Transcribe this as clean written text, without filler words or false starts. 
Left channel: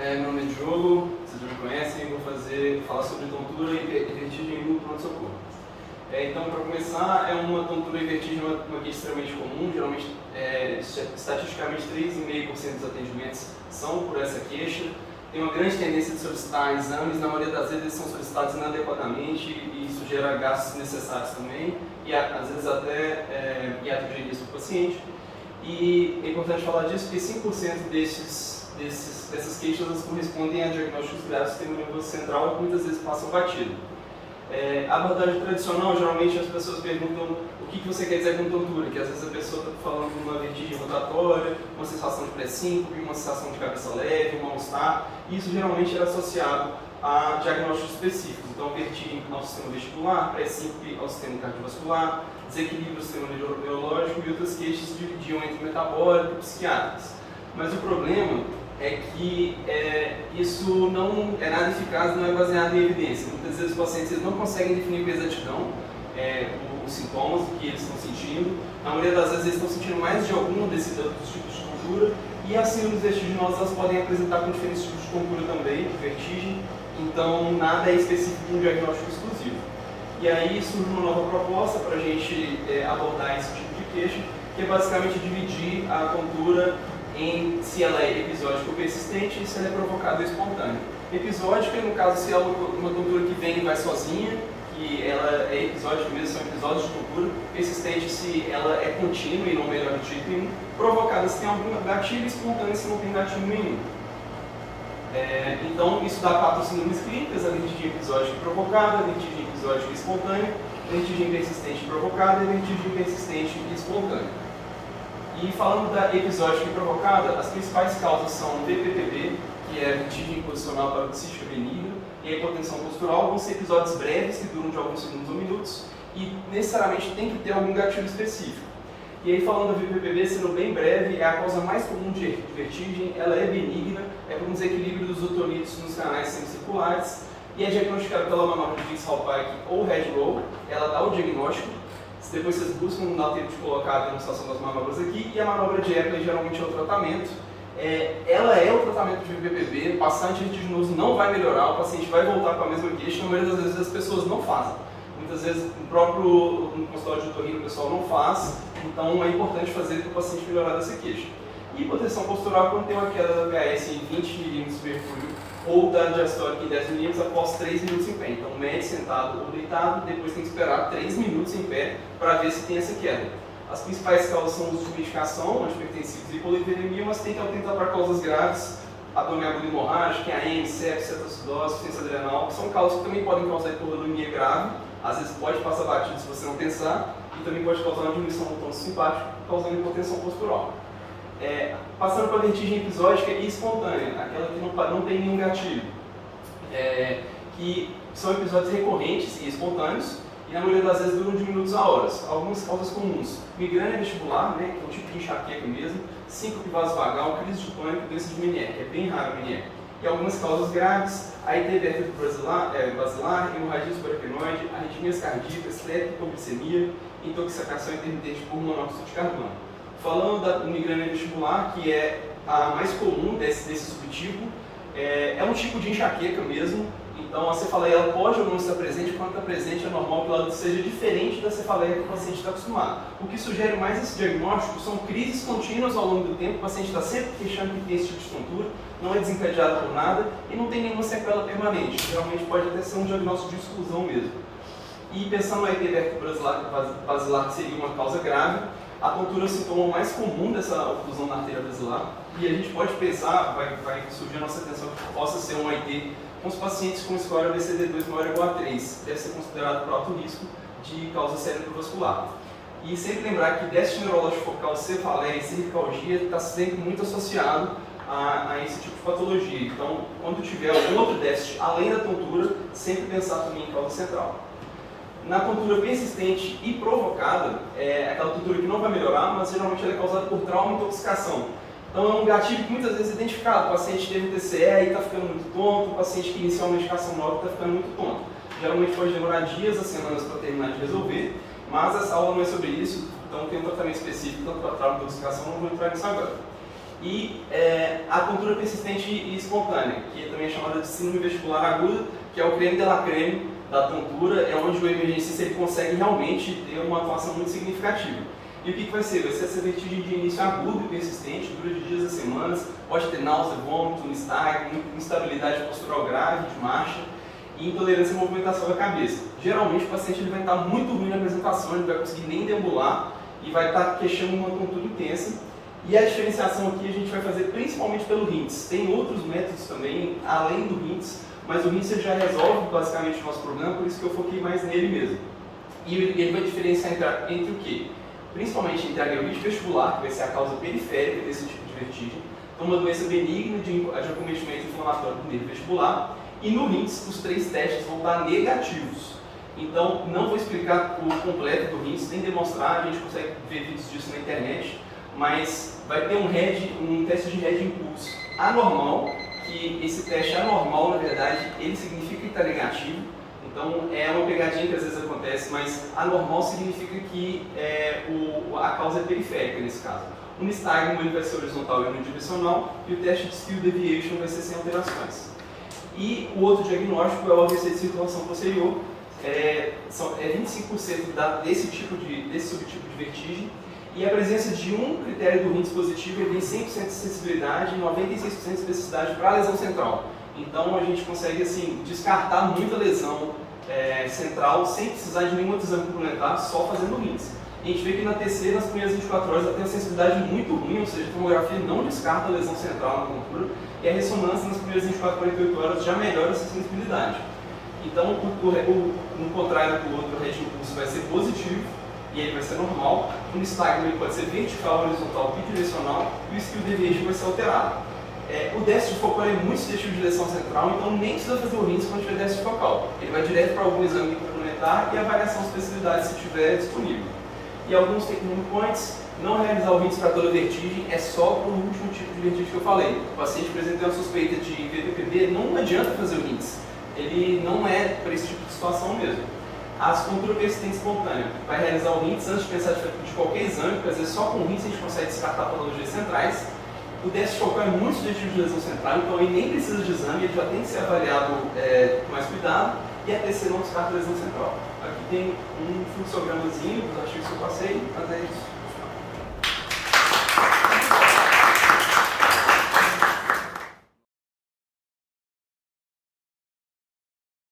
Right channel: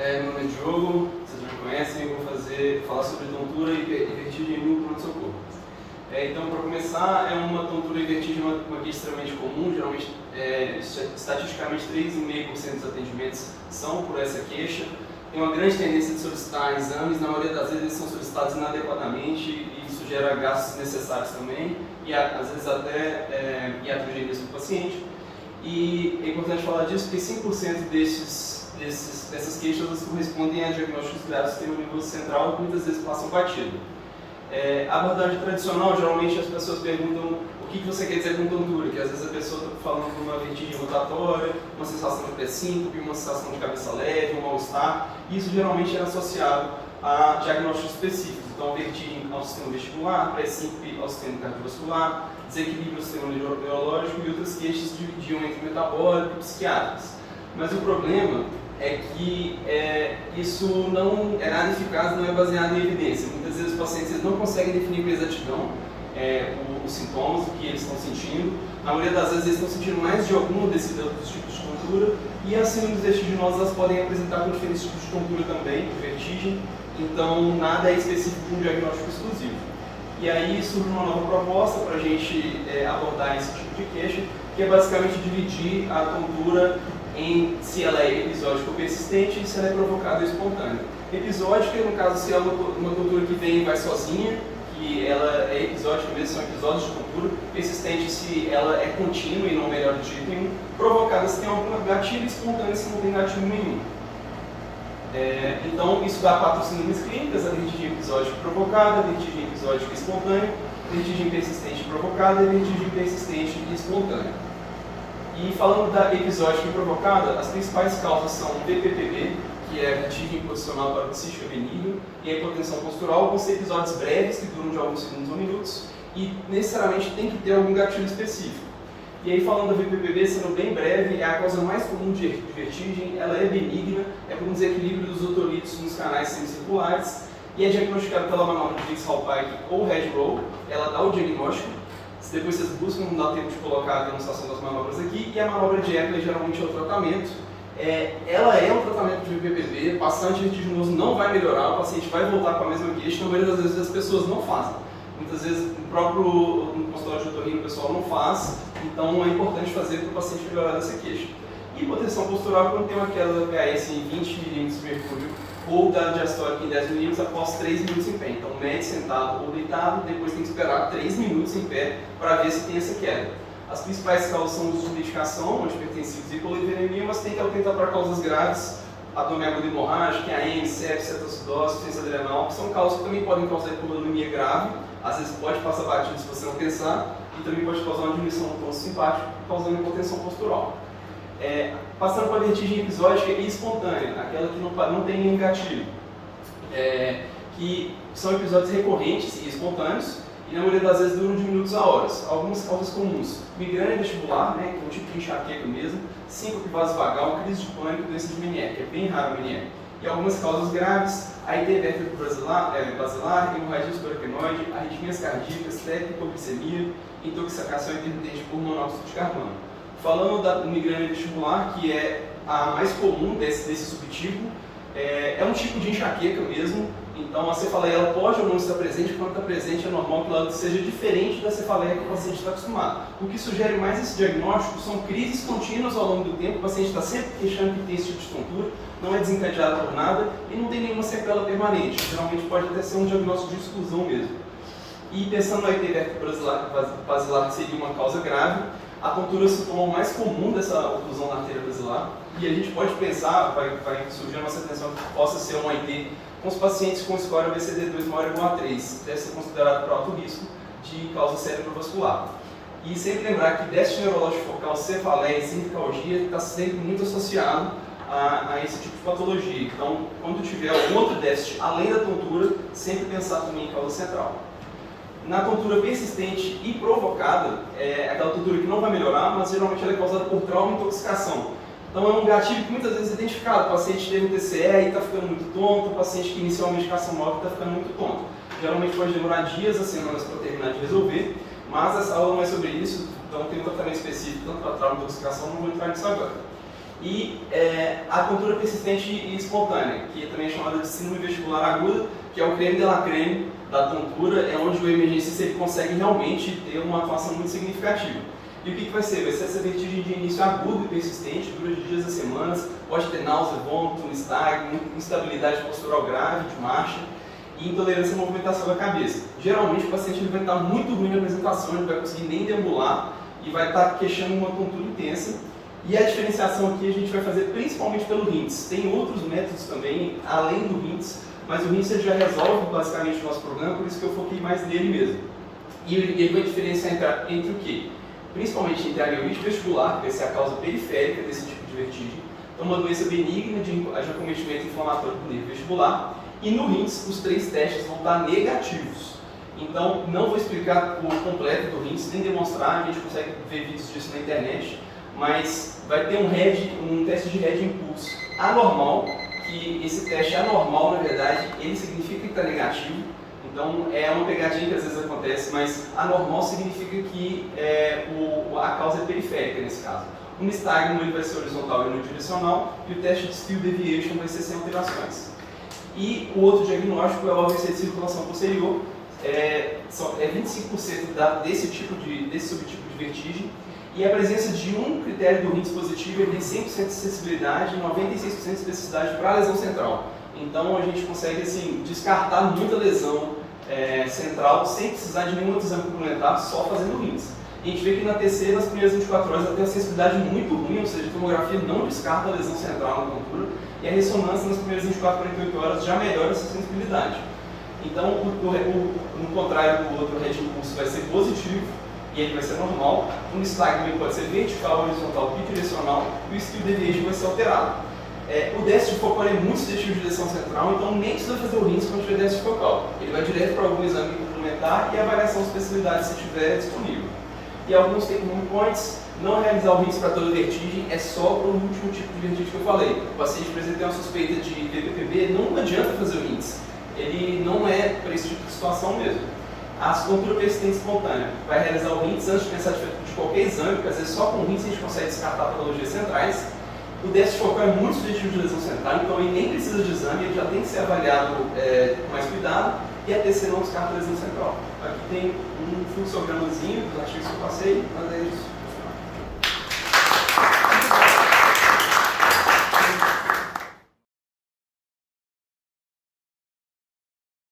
Meu nome é Diogo, vocês já me conhecem, eu vou falar sobre tontura e vertigem no pronto-socorro. Então, para começar, uma tontura e vertigem uma queixa extremamente comum, geralmente, estatisticamente, 3,5% dos atendimentos são por essa queixa. Tem uma grande tendência de solicitar exames, na maioria das vezes eles são solicitados inadequadamente e isso gera gastos desnecessários também e às vezes até iatrogenias do paciente. E é importante falar disso porque 5% dessas queixas elas correspondem a diagnósticos graves do sistema nervoso central que muitas vezes passam batido. A abordagem tradicional, geralmente as pessoas perguntam o que você quer dizer com tontura, que às vezes a pessoa está falando de uma vertigem rotatória, uma sensação de pré-síncope, uma sensação de cabeça leve, um mal-estar. Isso geralmente era associado a diagnósticos específicos, então vertigem ao sistema vestibular, pré-síncope ao sistema cardiovascular, desequilíbrio ao sistema neurológico e outras queixas dividiam entre metabólicas e psiquiátricas. Mas o problema é que isso não é nada eficaz, não é baseado em evidência. Muitas vezes os pacientes não conseguem definir com exatidão os sintomas, o que eles estão sentindo. Na maioria das vezes eles estão sentindo mais de algum dos tipos de tontura e as síndromes vertiginosas elas podem apresentar com diferentes tipos de tontura também, de vertigem, então nada é específico de um diagnóstico exclusivo. E aí surge uma nova proposta para a gente abordar esse tipo de queixa, que é basicamente dividir a tontura em se ela é episódica ou persistente e se ela é provocada ou espontânea. Episódica, no caso, se é uma tontura que vem e vai sozinha, que ela é episódica mesmo, são episódios de tontura. Persistente, se ela é contínua e não melhora de jeito nenhum. Provocada, se tem algum gatilho, espontânea, se não tem gatilho nenhum. Então, isso dá 4 síndromes clínicas: a vertigem episódica provocada, a vertigem episódica espontânea, a vertigem persistente provocada e a vertigem persistente e espontânea. E falando da episódica e provocada, as principais causas são VPPB, que é vertigem posicional paroxística benigna, e a hipotensão postural. Vão ser episódios breves, que duram de alguns segundos ou minutos, e necessariamente tem que ter algum gatilho específico. E aí, falando da VPPB, sendo bem breve, é a causa mais comum de vertigem, ela é benigna, é por um desequilíbrio dos otolitos nos canais semicirculares, e é diagnosticada pela manobra de Dix-Hallpike ou Red Roll. Ela dá o diagnóstico. Depois vocês buscam, não dá o tempo de colocar a demonstração das manobras aqui, e a manobra de Epley geralmente é o tratamento. Ela é o tratamento de VPPB, passante vertiginoso não vai melhorar, o paciente vai voltar com a mesma queixa, a maioria das vezes as pessoas não fazem. Muitas vezes no consultório de otorrino o pessoal não faz, então é importante fazer para o paciente melhorar dessa queixa. Hipotensão postural quando tem uma queda da PAS em 20 mm de mercúrio ou da diastólica em 10 mm após 3 minutos em pé. Então, mede sentado ou deitado, depois tem que esperar 3 minutos em pé para ver se tem essa queda. As principais causas são o uso de medicação, antipertensivos e poliviramia, mas tem que atentar para causas graves, abdômen agudo hemorrágica, AM, sepsis, cetoacidose, insuficiência adrenal, que são causas que também podem causar hipovolemia grave, às vezes pode passar batido se você não pensar, e também pode causar uma diminuição do tom simpático, causando hipotensão postural. Passando para a vertigem episódica e espontânea, aquela que não tem nenhum gatilho, que são episódios recorrentes e espontâneos, e na maioria das vezes duram de minutos a horas. Algumas causas comuns: migrânia vestibular, que é um tipo de enxaqueca mesmo, síncope vasovagal, crise de pânico, doença de Meniere, que é bem raro a Meniere. E algumas causas graves: AIT vértebro basilar, hemorragia subaracnoide, arritmias cardíacas, tecnicoglicemia, intoxicação intermitente por monóxido de carbono. Falando da migrânia vestibular, que é a mais comum desse subtipo, é um tipo de enxaqueca mesmo, então a cefaleia ela pode ou não estar presente. Quando está presente, é normal que ela seja diferente da cefaleia que o paciente está acostumado. O que sugere mais esse diagnóstico são crises contínuas ao longo do tempo, o paciente está sempre queixando que tem esse tipo de tontura, não é desencadeada por nada e não tem nenhuma sequela permanente. Geralmente pode até ser um diagnóstico de exclusão mesmo. E pensando no AIT vértebro basilar, que seria uma causa grave, a tontura é o sintoma mais comum dessa oclusão na artéria basilar, e a gente pode pensar, vai surgir a nossa atenção que possa ser um AIT com os pacientes com score ABCD2 maior ou igual a 3, deve ser considerado por alto risco de causa cerebrovascular. E sempre lembrar que déficit neurológico focal, cefaleia e cervicalgia está sempre muito associado a esse tipo de patologia. Então, quando tiver algum outro déficit além da tontura, sempre pensar também em causa central. Na tontura persistente e provocada, é aquela tontura que não vai melhorar, mas geralmente ela é causada por trauma e intoxicação. Então é um gatilho que muitas vezes é identificado. O paciente teve um TCE e está ficando muito tonto, o paciente que iniciou uma medicação nova está ficando muito tonto. Geralmente pode demorar dias a semanas para terminar de resolver, mas essa aula não é sobre isso, então tem um tratamento específico tanto para trauma e intoxicação, não vou entrar nisso agora. e a tontura persistente e espontânea, que também é chamada de síndrome vestibular aguda, que é o creme de la creme da tontura, é onde o emergencista ele consegue realmente ter uma atuação muito significativa. E o que vai ser? Vai ser essa vertigem de início agudo e persistente, dura de dias a semanas, pode ter náusea, vômito, nistagmo, instabilidade postural grave de marcha e intolerância à movimentação da cabeça. Geralmente o paciente ele vai estar muito ruim na apresentação, ele não vai conseguir nem deambular e vai estar queixando uma tontura intensa. E a diferenciação aqui a gente vai fazer principalmente pelo RINTS. Tem outros métodos também, além do RINTS, mas o RINTS já resolve basicamente o nosso problema, por isso que eu foquei mais nele mesmo. E ele vai diferenciar entre o quê? Principalmente entre a neurite vestibular, que vai ser a causa periférica desse tipo de vertigem, então uma doença benigna de acometimento inflamatório do nervo vestibular, e no RINTS os 3 testes vão estar negativos. Então não vou explicar o completo do RINTS, nem demonstrar, a gente consegue ver vídeos disso na internet, mas vai ter um teste de Red Impulse anormal, que esse teste anormal, na verdade, ele significa que está negativo. Então é uma pegadinha que às vezes acontece, mas anormal significa que a causa é periférica nesse caso. O nistagmo ele vai ser horizontal e unidirecional, e o teste de Steele Deviation vai ser sem alterações. E o outro diagnóstico é o AVC de circulação posterior, 25% desse subtipo de vertigem, e a presença de um critério do RINTS positivo é de 100% de sensibilidade e 96% de especificidade para a lesão central. Então a gente consegue assim, descartar muita lesão central sem precisar de nenhum outro exame complementar, só fazendo o RINTS. E a gente vê que na TC, nas primeiras 24 horas, ela tem uma sensibilidade muito ruim, ou seja, a tomografia não descarta a lesão central na tontura, e a ressonância nas primeiras 24 a 48 horas já melhora essa sensibilidade. Então, no contrário do outro Red Impulse vai ser positivo, e ele vai ser normal. O nistagmo pode ser vertical, horizontal, bidirecional, e o Steele Deviation vai ser alterado. O déficit focal é muito suscetível de lesão central, então nem precisa fazer o RINTS quando tiver déficit focal. Ele vai direto para algum exame complementar e avaliação de especialidade se tiver disponível. E alguns take-home points, não realizar o RINTS para toda vertigem é só para o último tipo de vertigem que eu falei. O paciente, por exemplo, tem uma suspeita de VPPB, não adianta fazer o RINTS. Ele não é para esse tipo de situação mesmo. A tontura persistente espontânea vai realizar o RINTS antes de pensar de qualquer exame, porque às vezes só com o RINTS a gente consegue descartar patologias centrais. O déficit focal é muito suscetível de lesão central, então ele nem precisa de exame, ele já tem que ser avaliado com mais cuidado, e a TC não descarta lesão central. Aqui tem um fluxogramazinho dos artigos que eu passei, mas é isso.